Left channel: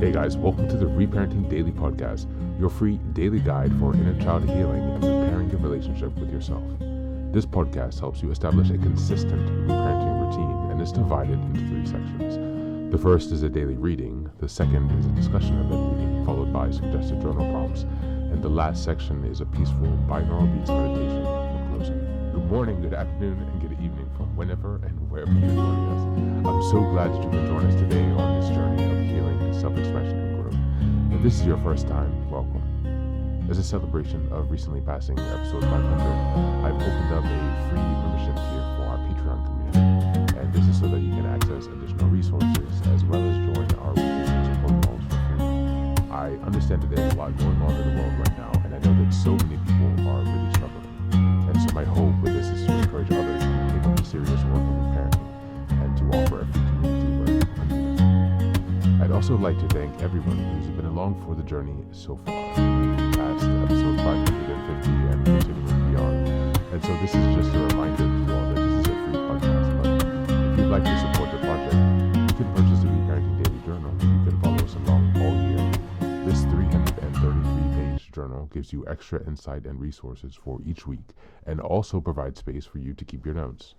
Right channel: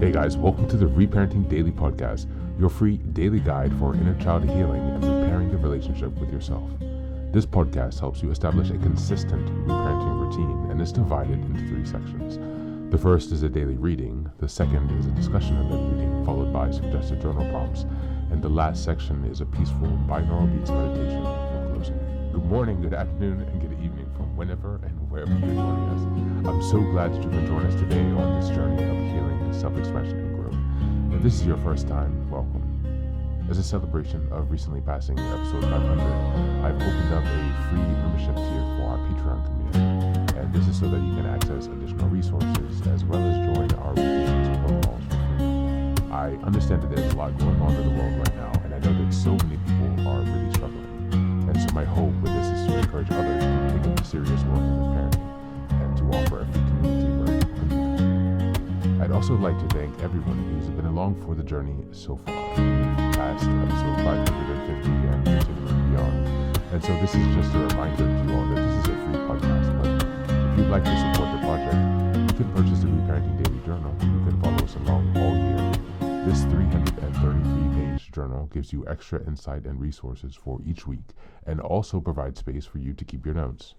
Hey guys, welcome to the Reparenting Daily podcast, your free daily guide for inner child healing and repairing your relationship with yourself. This podcast helps you establish a consistent reparenting routine and is divided into 3 sections. The first is a daily reading, the second is a discussion of that reading, followed by suggested journal prompts, and the last section is a peaceful binaural beats meditation for closing. Good morning, good afternoon, and good evening from whenever and wherever you're joining us. I'm so glad that you can join us today on this journey of healing, self-expression, and growth. If this is your first time, welcome. As a celebration of recently passing episode 500, I've opened up a free membership tier for our Patreon community. And this is so that you can access additional resources as well as join our weekly support calls for free. I understand that there's a lot going on in the world right now, and I know that so many people are really struggling. And so my hope with this is to encourage others to take up the serious work of reparenting and to offer a free community where people can do that. I'd also like to thank everyone who's been along for the journey so far, past episode 550 and continuing beyond. And so this is just a reminder to you all that this is a free podcast, but if you'd like to support the project, you can purchase the Reparenting Daily Journal. You can follow us along all year. This 333-page journal gives you extra insight and resources for each week and also provides space for you to keep your notes.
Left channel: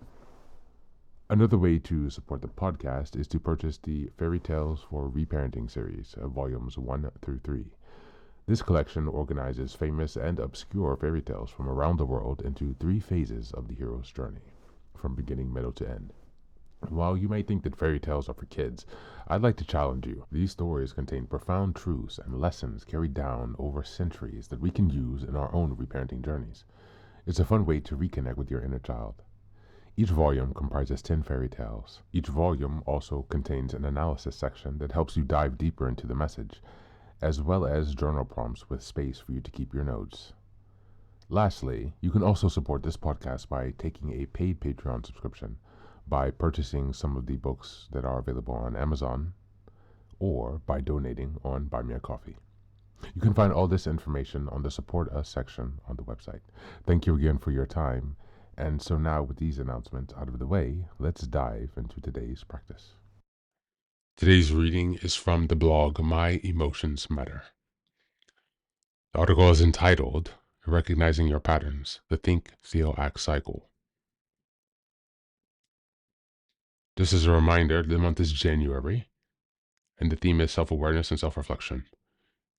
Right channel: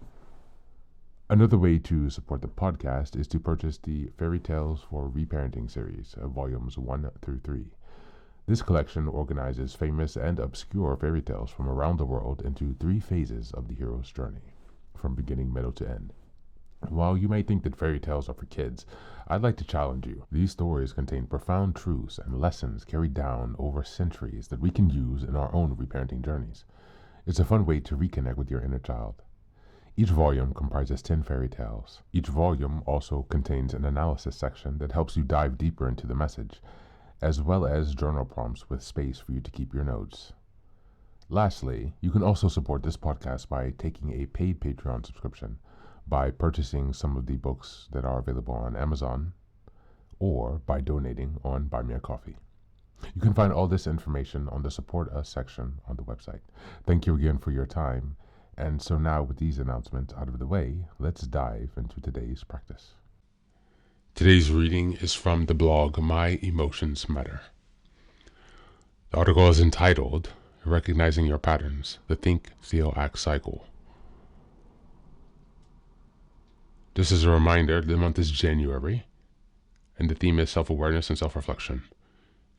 Another way to support the podcast is to purchase the Fairy Tales for Reparenting series, volumes 1 through 3. This collection organizes famous and obscure fairy tales from around the world into 3 phases of the hero's journey, from beginning, middle, to end. While you may think that fairy tales are for kids, I'd like to challenge you. These stories contain profound truths and lessons carried down over centuries that we can use in our own reparenting journeys. It's a fun way to reconnect with your inner child. Each volume comprises 10 fairy tales. Each volume also contains an analysis section that helps you dive deeper into the message, as well as journal prompts with space for you to keep your notes. Lastly, you can also support this podcast by taking a paid Patreon subscription, by purchasing some of the books that are available on Amazon, or by donating on Buy Me a Coffee. You can find all this information on the Support Us section on the website. Thank you again for your time. And so now with these announcements out of the way, let's dive into today's practice. Today's reading is from the blog My Emotions Matter. The article is entitled, Recognizing Your Patterns, the Think, Feel, Act Cycle. This is a reminder the month is January, and the theme is self-awareness and self-reflection.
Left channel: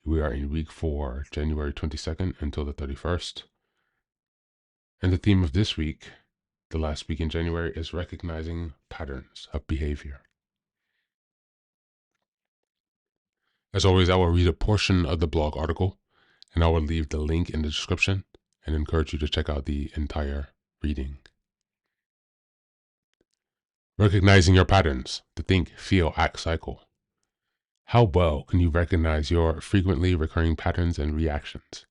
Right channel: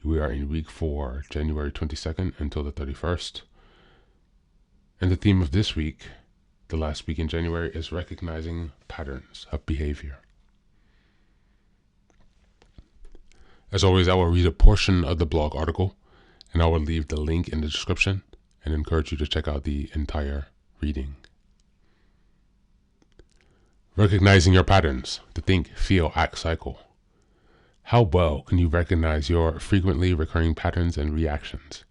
We are in week 4, January 22nd until the 31st. And the theme of this week, the last week in January, is recognizing patterns of behavior. As always, I will read a portion of the blog article, and I will leave the link in the description and encourage you to check out the entire reading. Recognizing your patterns, the think, feel, act cycle. How well can you recognize your frequently recurring patterns and reactions?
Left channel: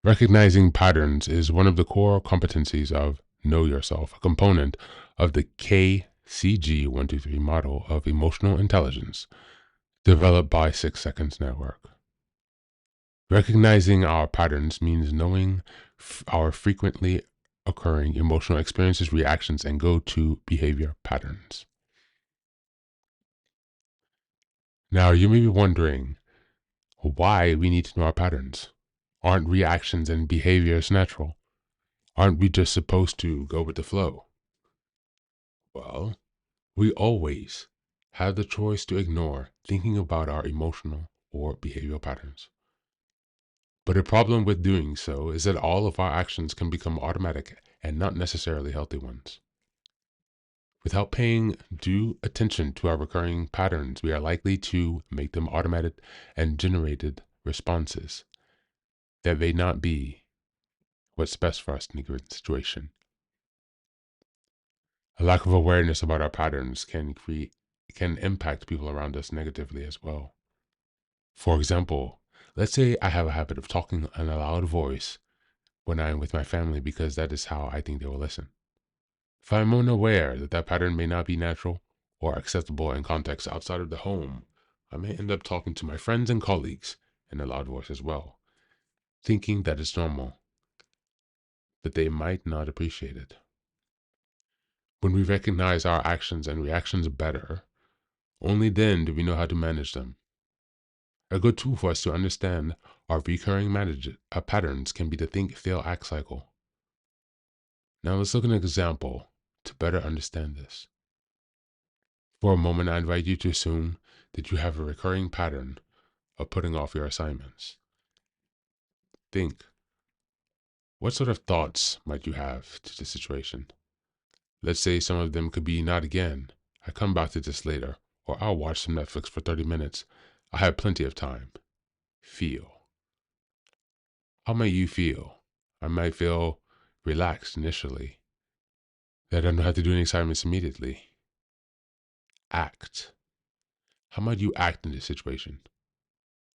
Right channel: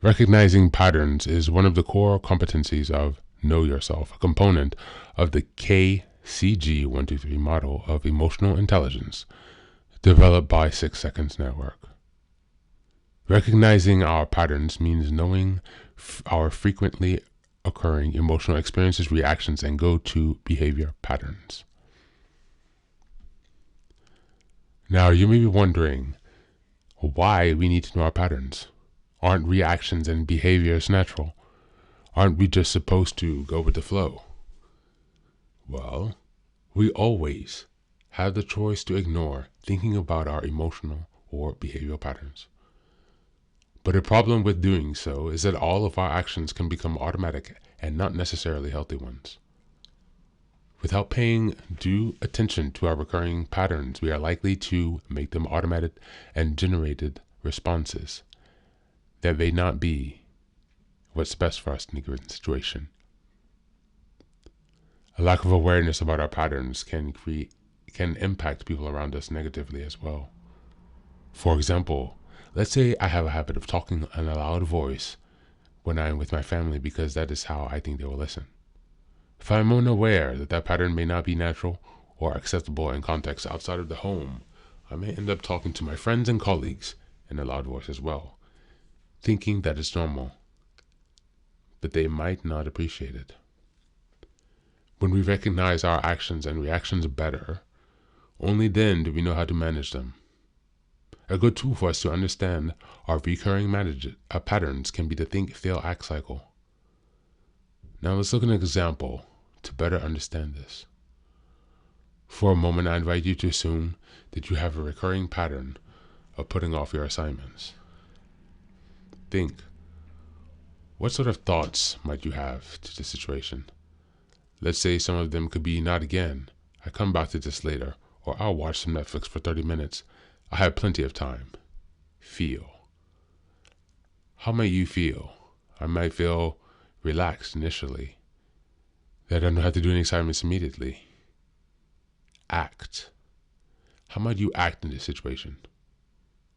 Recognizing patterns is one of the core competencies of Know Yourself, a component of the KCG 123 model of emotional intelligence developed by 6 Seconds Network. Recognizing our patterns means knowing our frequently occurring emotional experiences, reactions, and go-to behavior patterns. Now, you may be wondering why we need to know our patterns. Aren't reactions and behaviors natural? Aren't we just supposed to go with the flow? Well, we always have the choice to ignore thinking about our emotional or behavioral patterns. But the problem with doing so is that all of our actions can become automatic and not necessarily healthy ones. Without paying due attention to our recurring patterns, we are likely to make them automated and generated responses that may not be what's best for us in a given situation. A lack of awareness about our patterns can impact people around us negatively as well. For example, let's say I have a habit of talking in a loud voice when I am with my family because that is how I think they will listen. If I am unaware that that pattern may not be natural or acceptable in contexts outside of the home, I may end up talking to my friends and colleagues in a loud voice as well, thinking that it's normal, but they might not appreciate it. When we recognize our actions and reactions better, only then do we know how to manage them. A good tool for us to understand our recurring patterns can be the think, feel, act cycle. Now let's look at an example to better understand this. For a moment, I invite you to assume that you have a recurring pattern of putting off your assignments. Think, what sort of thoughts might you have to the situation? Let's say some of them could be, not again, I come back to this later, or I'll watch some Netflix for 30 minutes. I have plenty of time. Feel. How may you feel? I might feel relaxed initially, that I don't have to do any assignments immediately. Act. How might you act in this situation?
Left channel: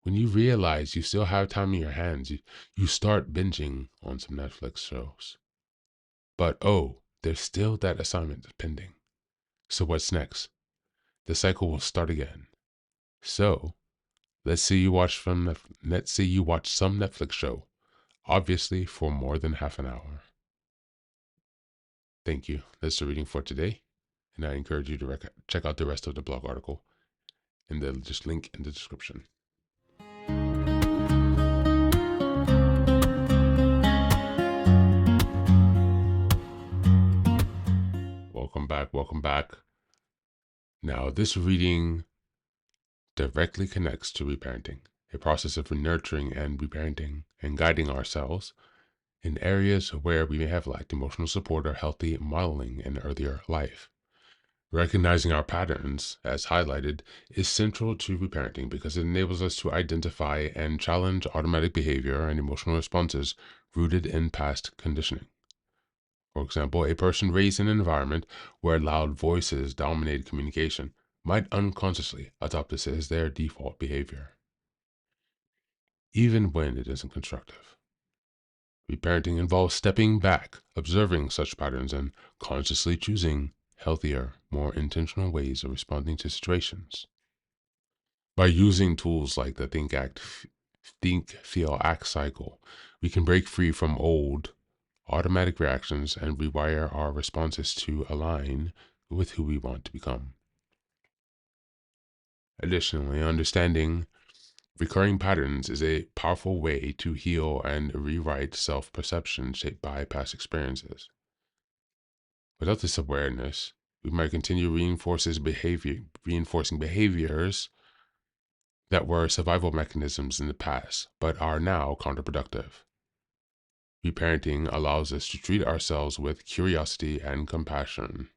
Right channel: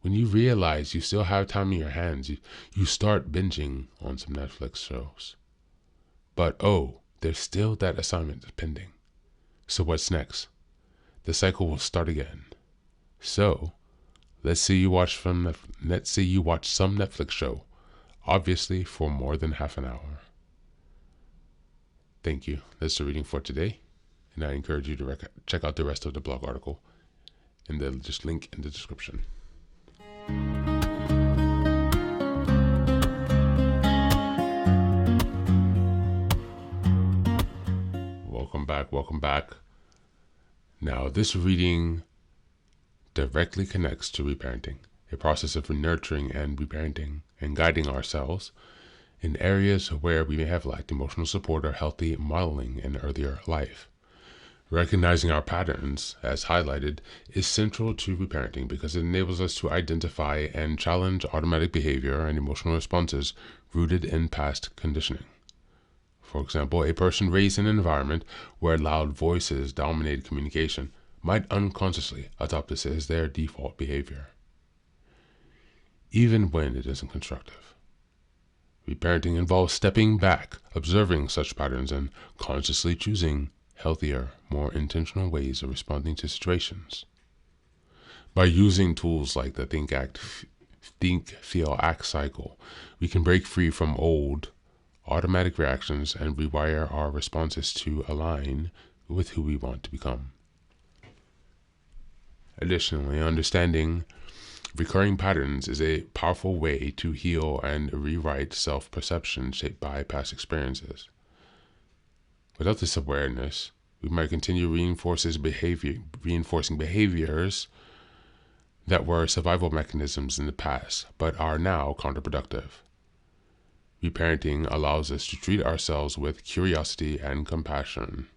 When you realize you still have time in your hands, you start binging on some Netflix shows. But there's still that assignment pending. So what's next? The cycle will start again. So, let's say you watch some Netflix show, obviously for more than half an hour. Thank you. That's the reading for today, and I encourage you to check out the rest of the blog article in the link in the description. Welcome back. Now, this reading directly connects to reparenting, a process of nurturing and reparenting and guiding ourselves in areas where we may have lacked emotional support or healthy modeling in earlier life. Recognizing our patterns, as highlighted, is central to reparenting because it enables us to identify and challenge automatic behavior and emotional responses rooted in past conditioning. For example, a person raised in an environment where loud voices dominated communication might unconsciously adopt this as their default behavior, even when it isn't constructive. Reparenting involves stepping back, observing such patterns, and consciously choosing healthier, more intentional ways of responding to situations. By using tools like the think, feel, act cycle, we can break free from old, automatic reactions and rewire our responses to align with who we want to become. Additionally, understanding recurring patterns is a powerful way to heal and rewrite self-perception shaped by past experiences. Without this awareness, we might continue reinforcing behaviors that were survival mechanisms in the past, but are now counterproductive. Reparenting allows us to treat ourselves with curiosity and compassion,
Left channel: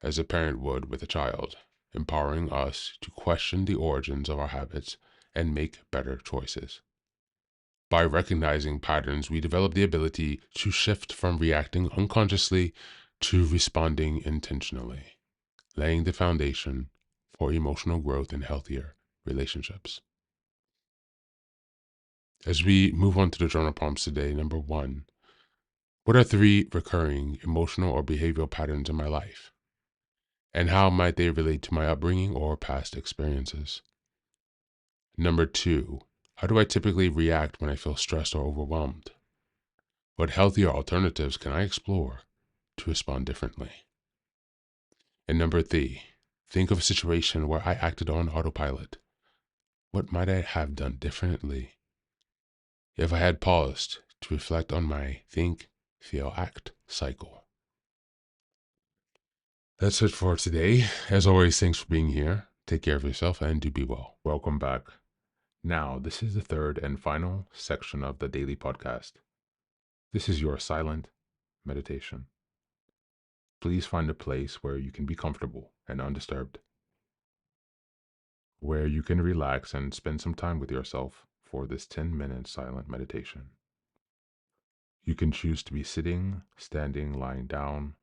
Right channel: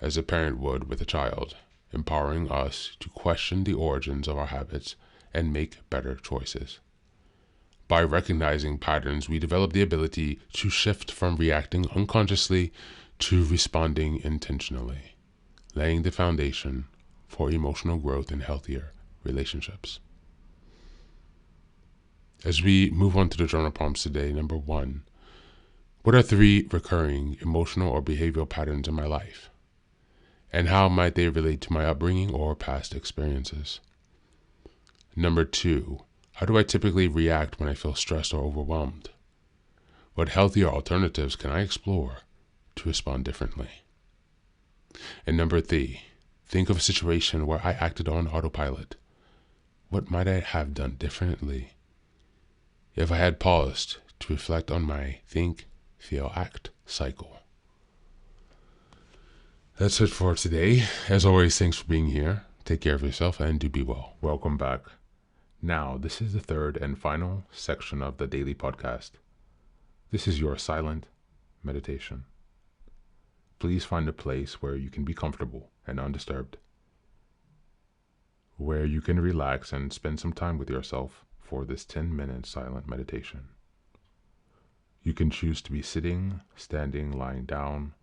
as a parent would with a child, empowering us to question the origins of our habits and make better choices. By recognizing patterns, we develop the ability to shift from reacting unconsciously to responding intentionally, laying the foundation for emotional growth and healthier relationships. As we move on to the journal prompts today, number 1, what are 3 recurring emotional or behavioral patterns in my life? And how might they relate to my upbringing or past experiences? Number 2, how do I typically react when I feel stressed or overwhelmed? What healthier alternatives can I explore to respond differently? And number 3, think of a situation where I acted on autopilot. What might I have done differently if I had paused to reflect on my think, feel, act cycle? That's it for today. As always, thanks for being here. Take care of yourself and do be well. Welcome back. Now, this is the third and final section of the daily podcast. This is your silent meditation. Please find a place where you can be comfortable and undisturbed, where you can relax and spend some time with yourself for this 10-minute silent meditation. You can choose to be sitting, standing, lying down,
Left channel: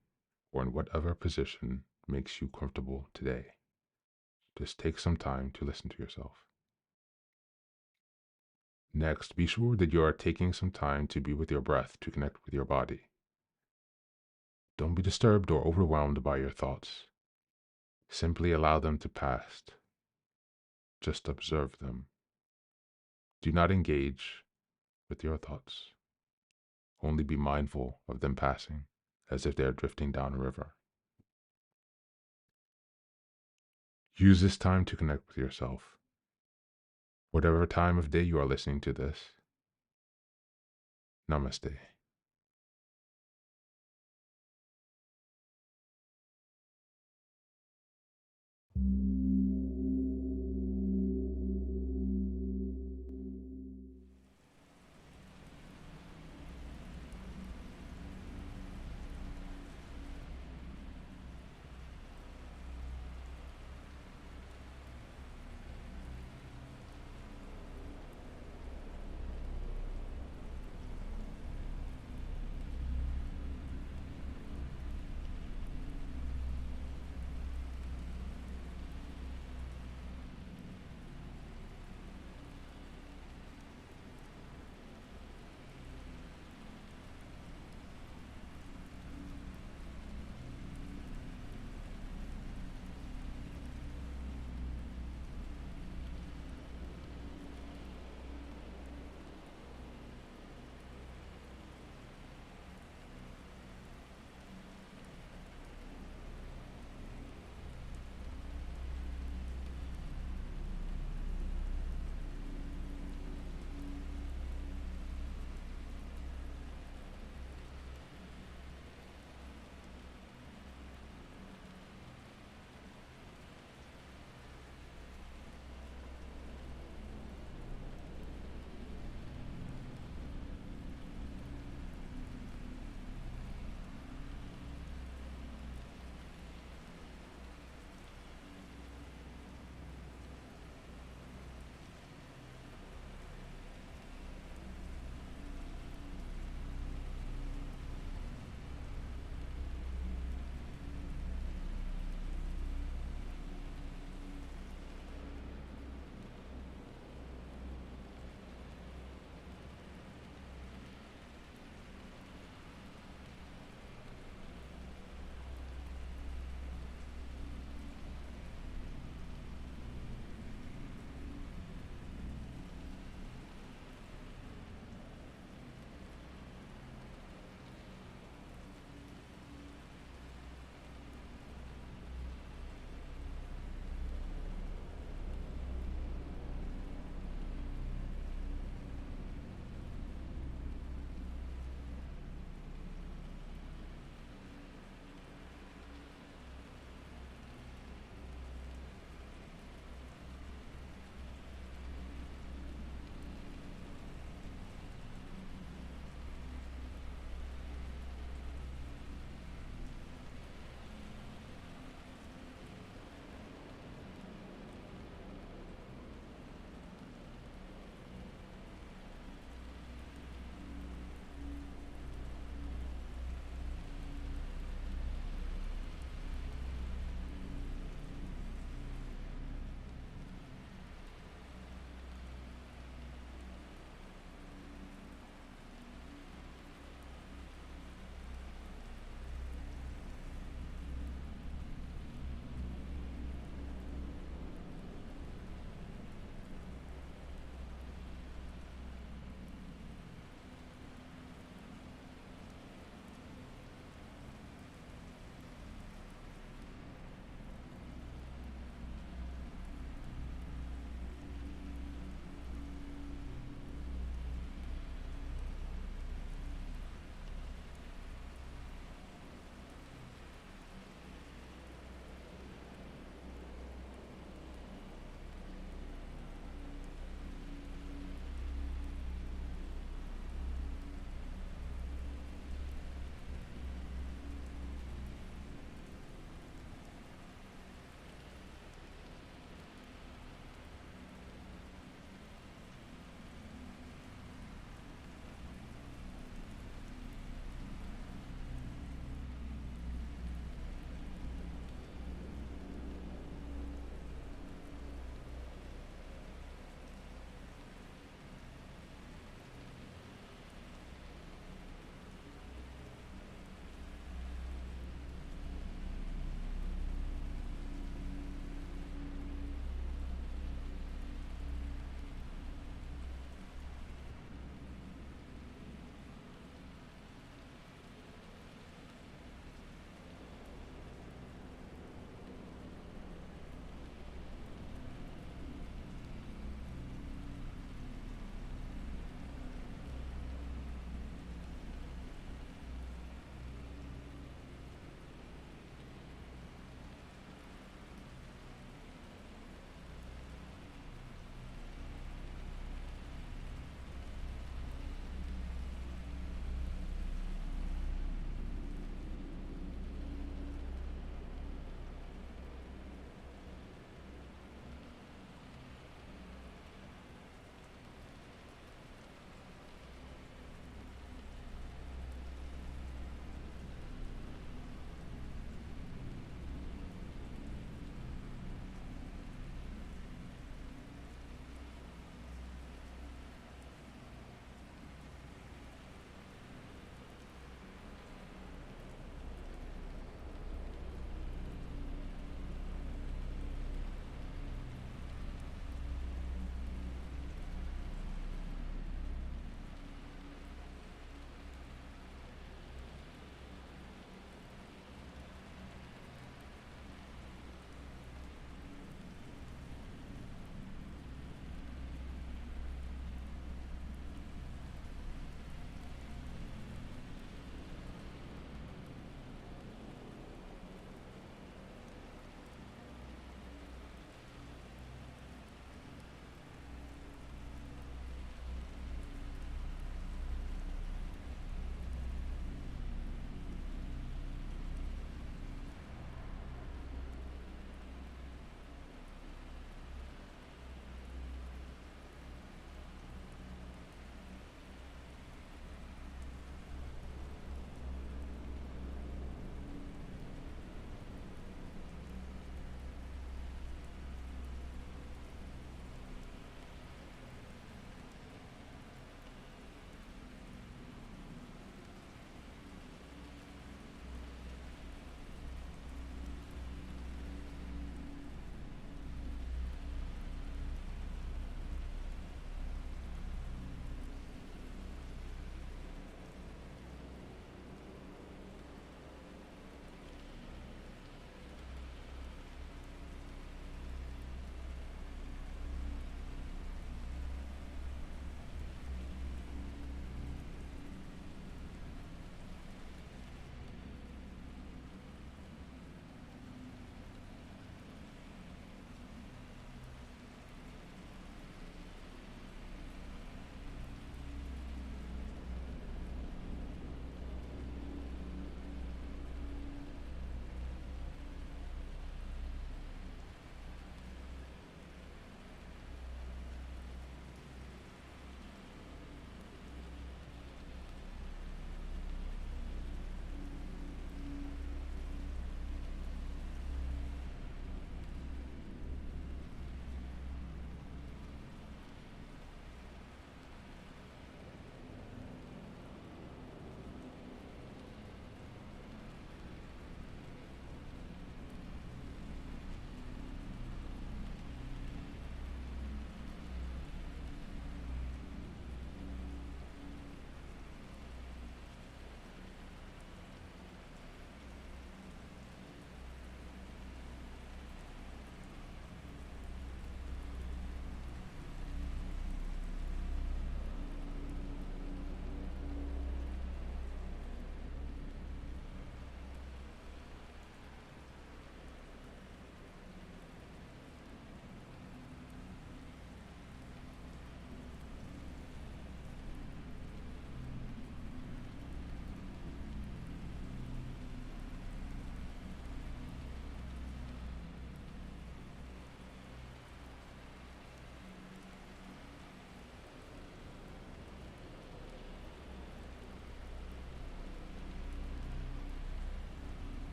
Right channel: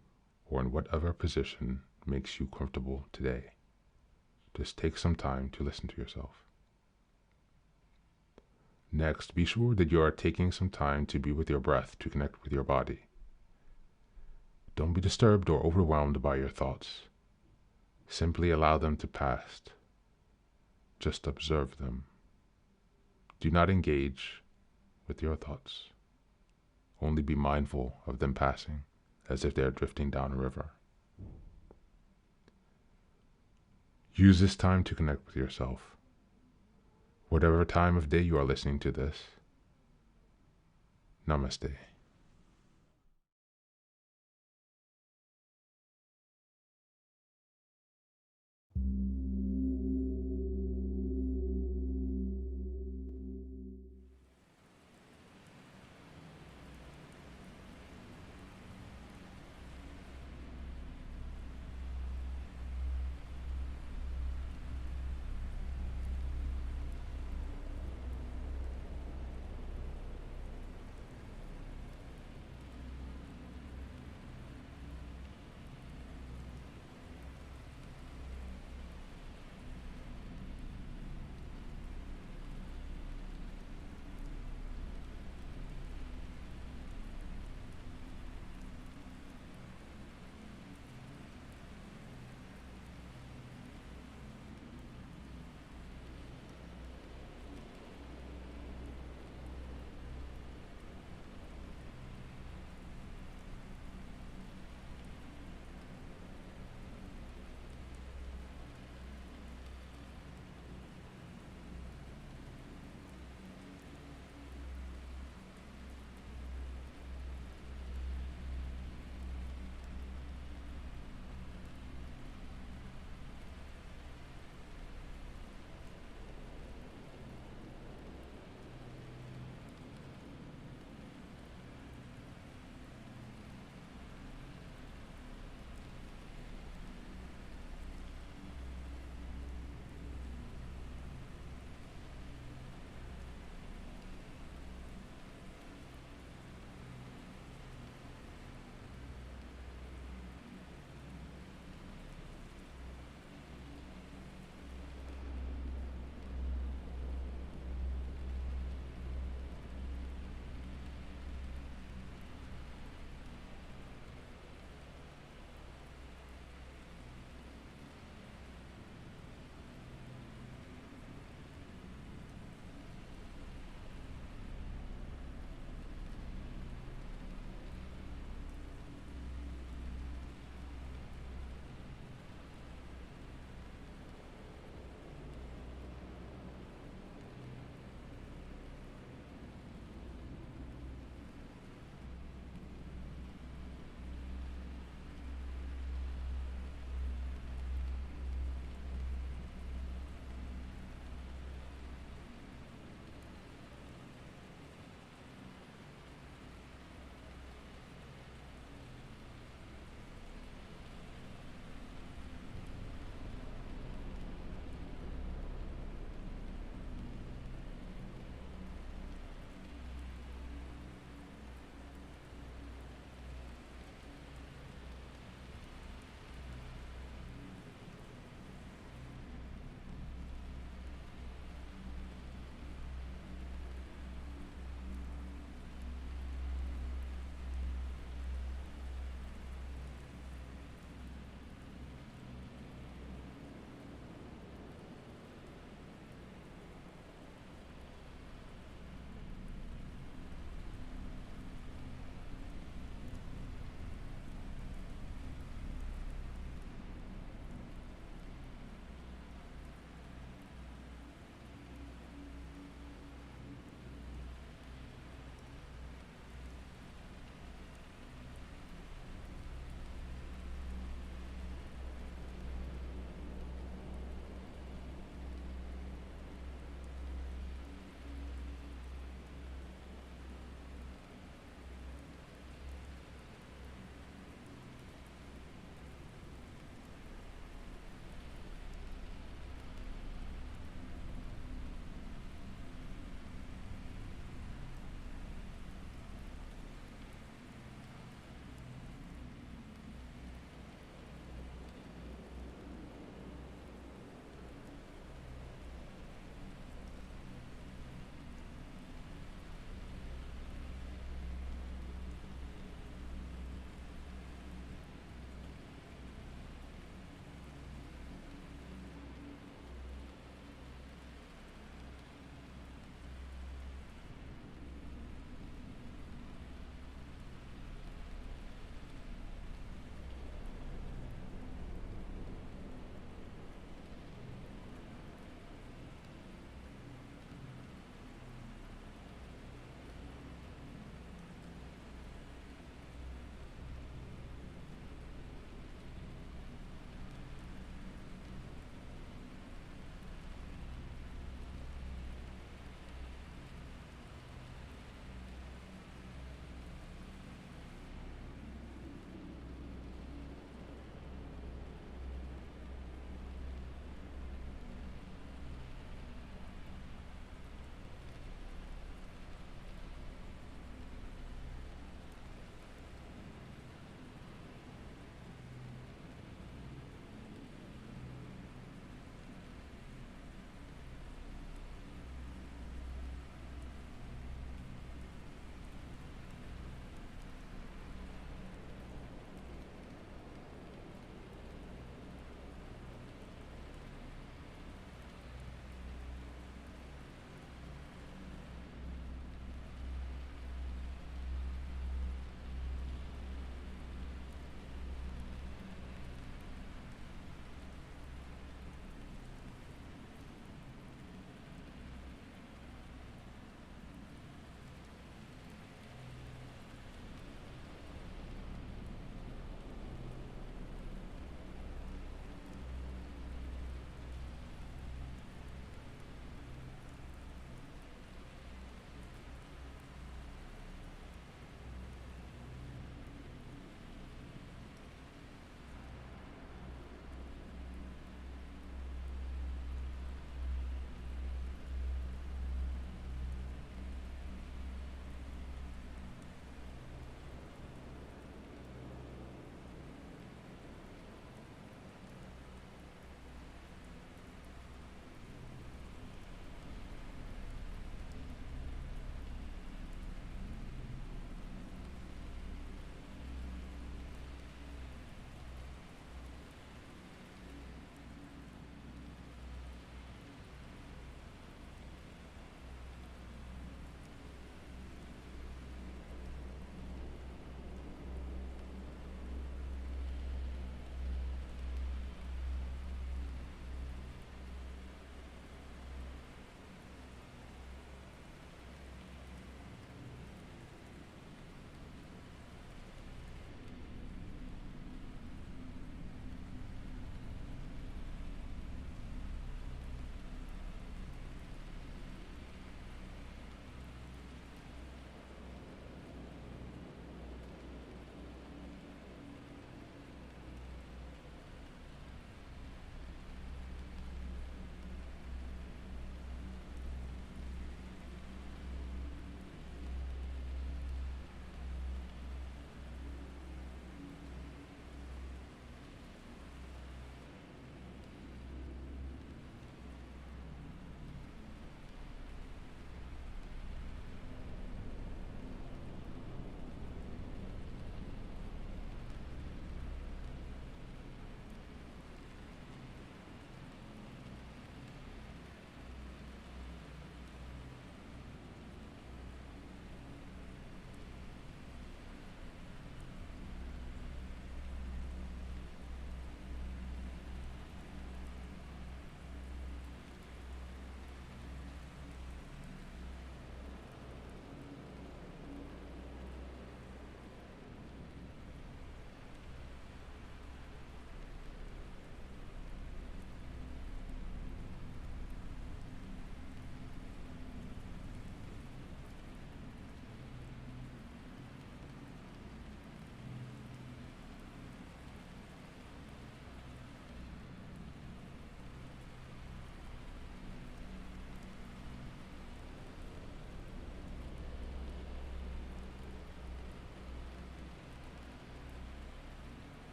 or in whatever position makes you comfortable today. Just take some time to listen to yourself. Next, be sure that you are taking some time to be with your breath to connect with your body. Don't be disturbed or overwhelmed by your thoughts. Simply allow them to pass. Just observe them. Do not engage with your thoughts. Only be mindful of them passing, as if they are drifting down a river. Use this time to connect with yourself. whatever time of day you are listening to this. Namaste.